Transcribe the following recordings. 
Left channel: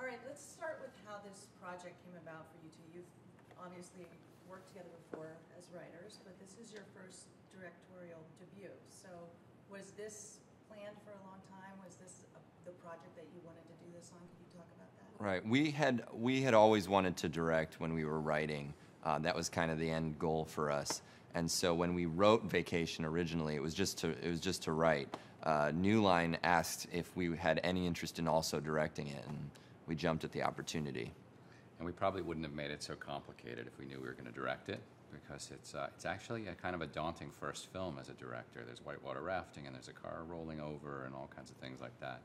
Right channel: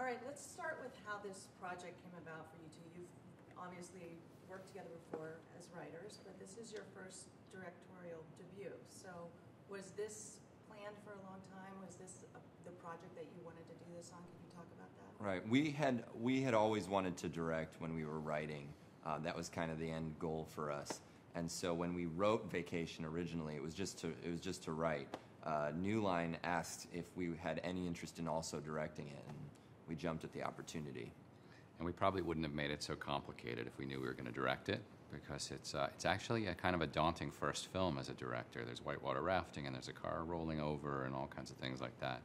All right, let's start with how this project came about for you two. You've obviously worked together before as writers, but this is your first directorial debut. So was this planned for a long time? Was this the project that you wanted to do this on? Could you talk about that? Right. We had always wanted to direct when we were writing. That was kind of the end goal for us. And so when we wrote Vacation originally, it was just to write. New Line asked if we had any interest in also directing it, and we jumped at the opportunity. And we probably wouldn't have made it so complicated if we knew we were going to direct it, because it's actually a kind of a daunting first film as a director. There's whitewater rafting, and there's a car rolling over, and all kinds of things like that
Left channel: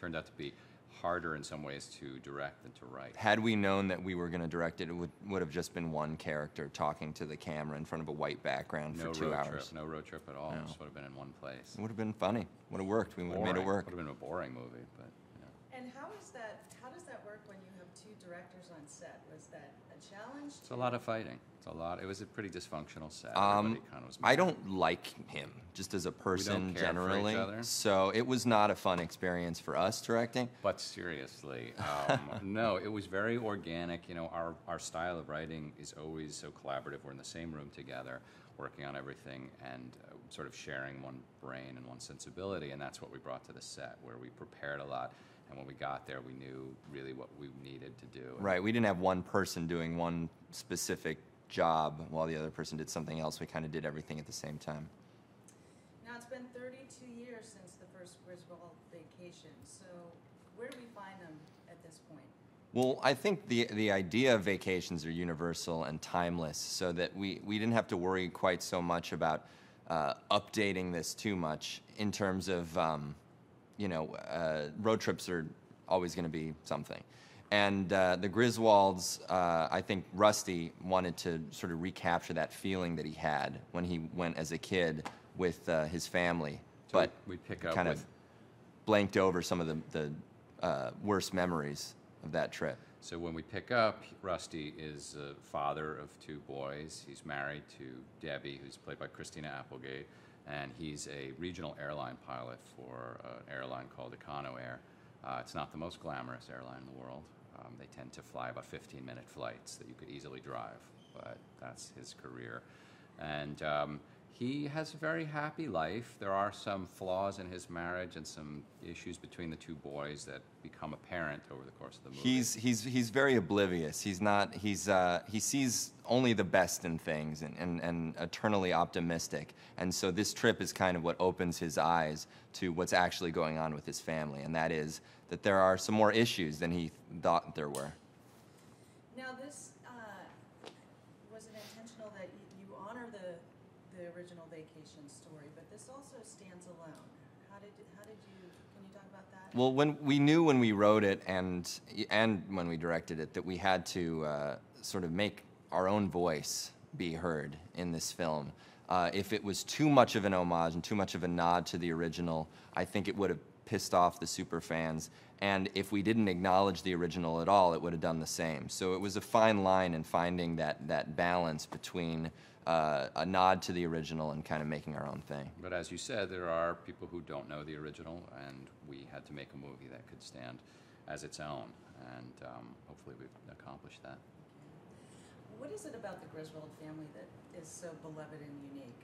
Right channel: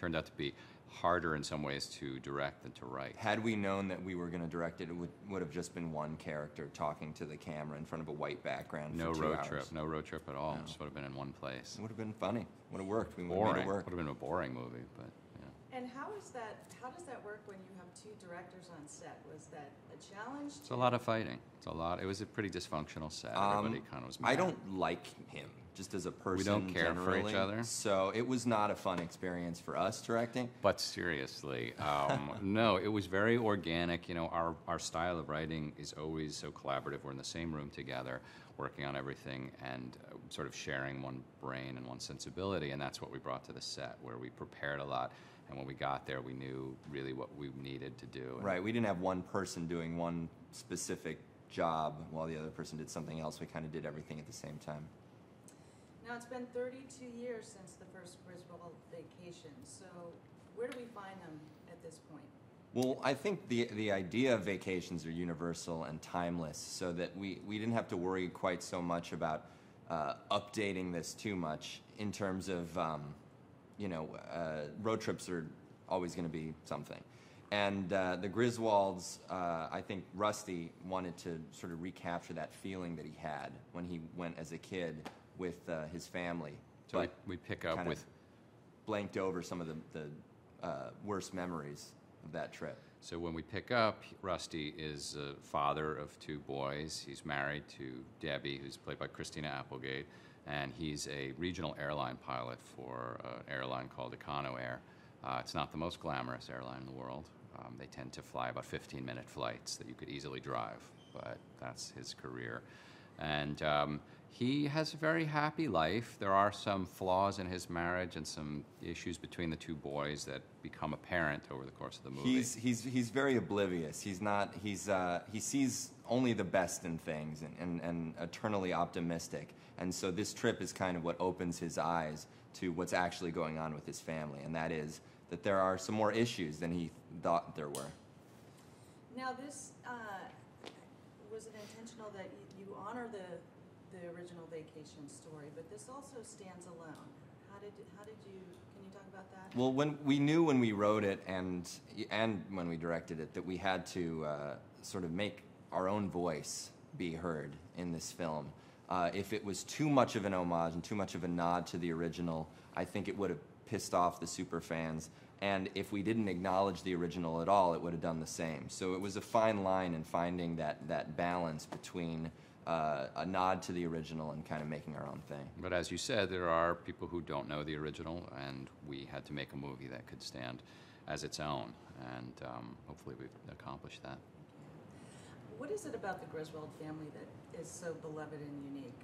turned out to be harder in some ways to direct than to write. Had we known that we were going to direct it, it would have just been one character talking to the camera in front of a white background for 2 hours. No road trip at all. No. Just would have been in one place. It would have been funny. Would have worked. We would have made it work. Would have been a boring movie, but yeah. And how does that work when you have two directors on set? Was that a challenge? It's a lot of fighting. It was a pretty dysfunctional set. Everybody kind of was mad. I don't like him, just as a person. We don't care generally. for each other. So it was not a fun experience for us directing. But seriously, no, it was very organic. You know, our style of writing is always so collaborative. We're in the same room together, working on everything, and sort of sharing one brain and one sensibility. And that's what we brought to the set, where we prepared a lot. And when we got there, we knew really what we needed to do. Right. We didn't have one person doing one specific job while the other person did something else. We kind of did everything at the same time. Now, it's been 32 years since the first Griswold Vacation, so where do we find them at this point? Well, I think the idea of vacations are universal and timeless, so that we didn't have to worry quite so much about updating this too much in terms of, road trips are always going to be something. And the Griswolds, I think Rusty wanted to sort of recapture that feeling that he had when he went as a kid with his family. So but we pick up kind with... of blanked over some of the worst memories of that trip. So when we pick up, Rusty is a father of 2 boys. He's married to Debbie, who's played by Christina Applegate, and he's a regional airline pilot for an airline called Econo Air. It's not the most glamorous airline in the world. They tend to fly about 15-minute flights that you could easily drive, but that's his career. And he has a very happy life. There are some flaws in his marriage and some issues between the 2 boys that become apparent over the course of the movie. He's very oblivious. He sees only the best in things and eternally optimistic. And so this trip is kind of what opens his eyes to what's actually going on with his family, and that is that there are some more issues than he thought there were. Now, this was it intentional that you honor the original Vacation story, but this also stands alone. How did you? Can you talk about that? Well, we knew when we wrote it and when we directed it that we had to sort of make our own voice be heard in this film. If it was too much of an homage and too much of a nod to the original, I think it would have pissed off the super fans. And if we didn't acknowledge the original at all, it would have done the same. So it was a fine line in finding that balance between a nod to the original and kind of making our own thing. But as you said, there are people who don't know the original, and we had to make a movie that could stand as its own. And hopefully we've accomplished that. What is it about the Griswold family that is so beloved and unique?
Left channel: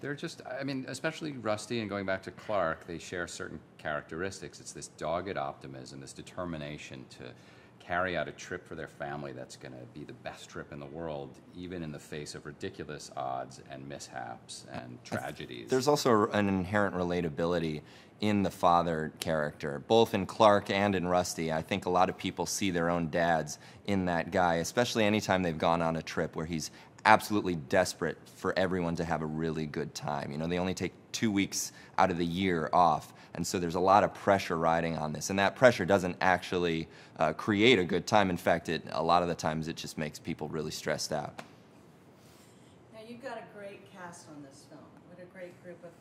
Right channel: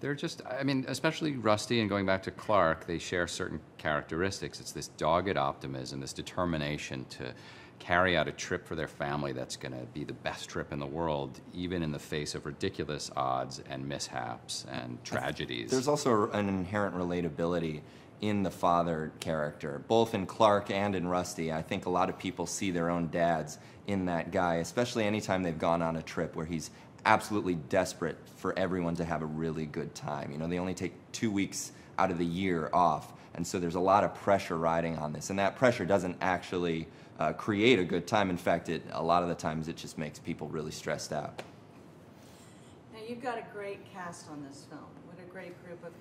They're just, I mean, especially Rusty and going back to Clark, they share certain characteristics. It's this dogged optimism, this determination to carry out a trip for their family that's going to be the best trip in the world, even in the face of ridiculous odds and mishaps and tragedies. There's also an inherent relatability in the father character, both in Clark and in Rusty. I think a lot of people see their own dads in that guy, especially anytime they've gone on a trip where he's absolutely desperate for everyone to have a really good time. You know, they only take 2 weeks out of the year off, and so there's a lot of pressure riding on this, and that pressure doesn't actually create a good time. In fact, a lot of the times it just makes people really stressed out. Now, you've got a great cast on this film. What a great group of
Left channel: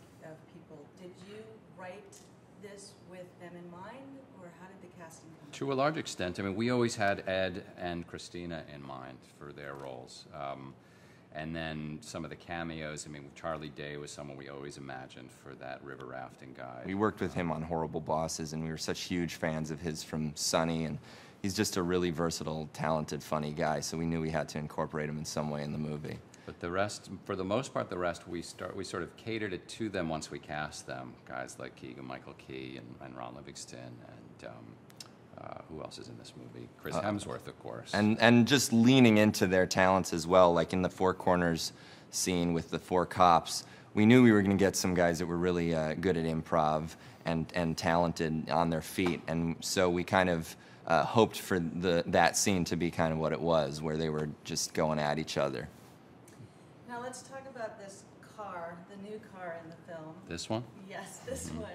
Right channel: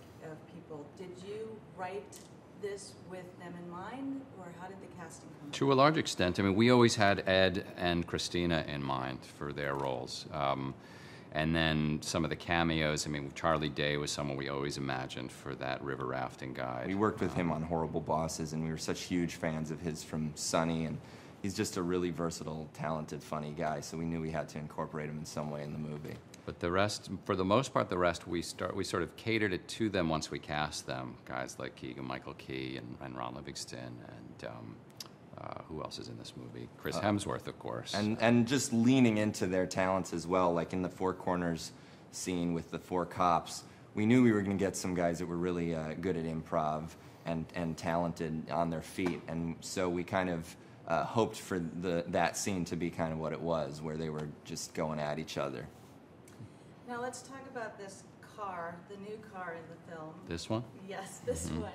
people. Did you write this with them in mind, or how did the casting come about? To a large extent. I mean, we always had Ed and Christina in mind for their roles. And then some of the cameos, I mean, Charlie Day was someone we always imagined for that river rafting guide. We worked with him on Horrible Bosses, and we were such huge fans of his from Sunny, and he's just a really versatile, talented, funny guy. So we knew we had to incorporate him in some way in the movie. But the rest, for the most part, the rest we sort of catered it to them once we cast them. Guys like Keegan-Michael Key and Ron Livingston and who else is in this movie? Chris Hemsworth, of course. And just leaning into their talents as well, like in the Four Corners scene with the four cops. We knew we were going to get some guys that were really good at improv and talented on their feet, and so we kind of hoped for that scene to be kind of what it was, where they were just going at each other. Now let's talk about this car, the new car in the film. This one? Yes, this one.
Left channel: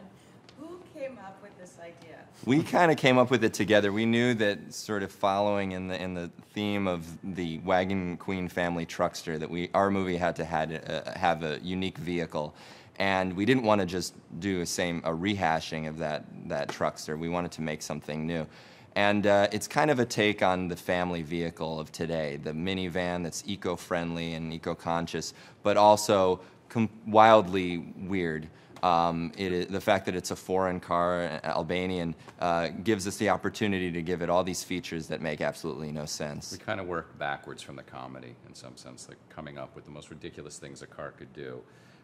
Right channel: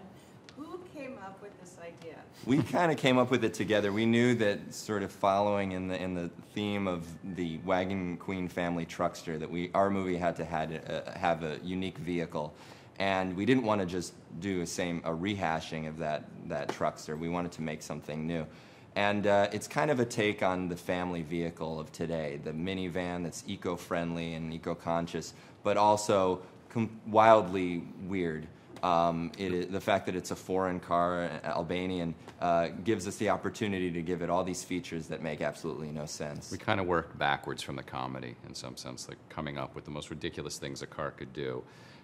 Who came up with this idea? We kind of came up with it together. We knew that, sort of following in the theme of the Wagon Queen family truckster, that our movie had to have a unique vehicle, and we didn't want to just do a rehashing of that truckster. We wanted to make something new. And it's kind of a take on the family vehicle of today, the minivan that's eco-friendly and eco-conscious, but also wildly weird. The fact that it's a foreign car, Albanian, gives us the opportunity to give it all these features that make absolutely no sense. We kind of worked backwards from the comedy in some sense, like coming up with the most ridiculous things a car could do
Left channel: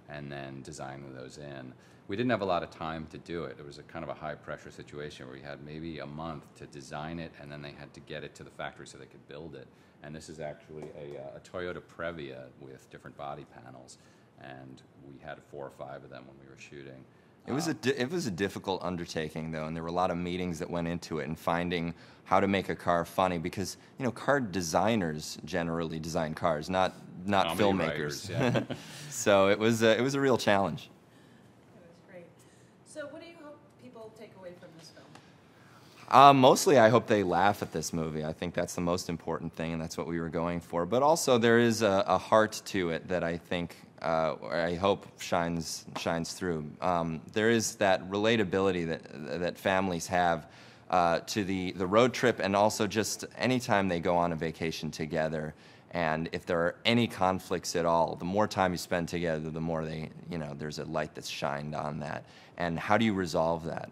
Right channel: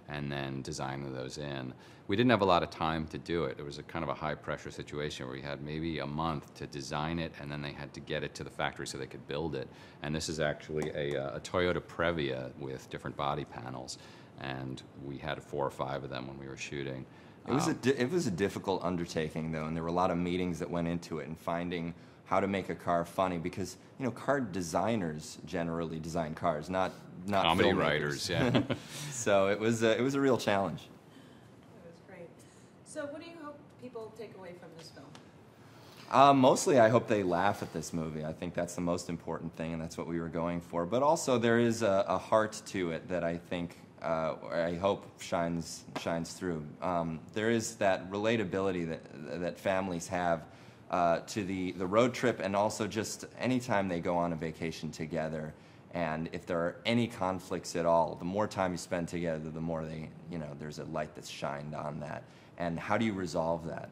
and then designing those in. We didn't have a lot of time to do it. It was a kind of a high-pressure situation where we had maybe a month to design it, and then they had to get it to the factory so they could build it. And this is actually a Toyota Previa with different body panels, and we had 4 or 5 of them when we were shooting. It was a difficult undertaking, though, and there were a lot of meetings that went into it and finding how to make a car funny, because car designers generally design cars, not comedy filmmakers. Writers, yeah. So it was a real challenge. It was great. So what do you hope people take away from this film? Mostly, I hope they laugh at this movie. I think that's the most important thing, and that's what we were going for. But also, there is a heart to it that I think, I hope shines through. There is that relatability that families have to the road trip, and also just anytime they go on a vacation together. And if there are any conflicts at all, the more time you spend together, the more there's a light that's shined on that. And how do you resolve that?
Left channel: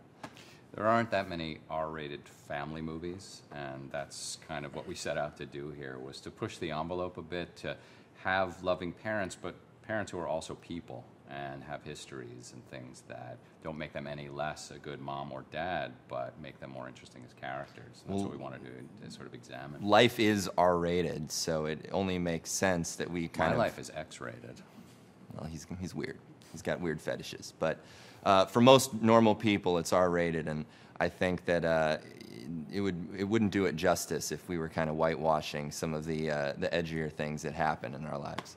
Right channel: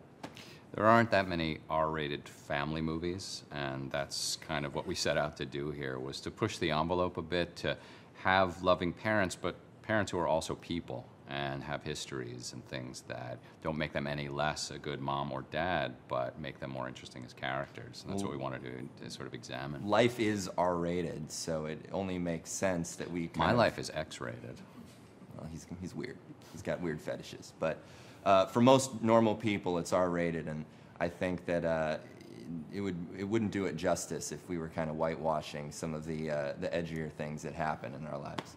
There aren't that many R-rated family movies, and that's kind of what we set out to do here, was to push the envelope a bit, to have loving parents, but parents who are also people and have histories and things that don't make them any less a good mom or dad, but make them more interesting as characters. And that's what we want to do, to sort of examine. Life is R-rated, so it only makes sense that we My life is X-rated. Well, he's weird. He's got weird fetishes. But for most normal people, it's R-rated, and I think that it wouldn't do it justice if we were kind of whitewashing some of the edgier things that happen in our lives.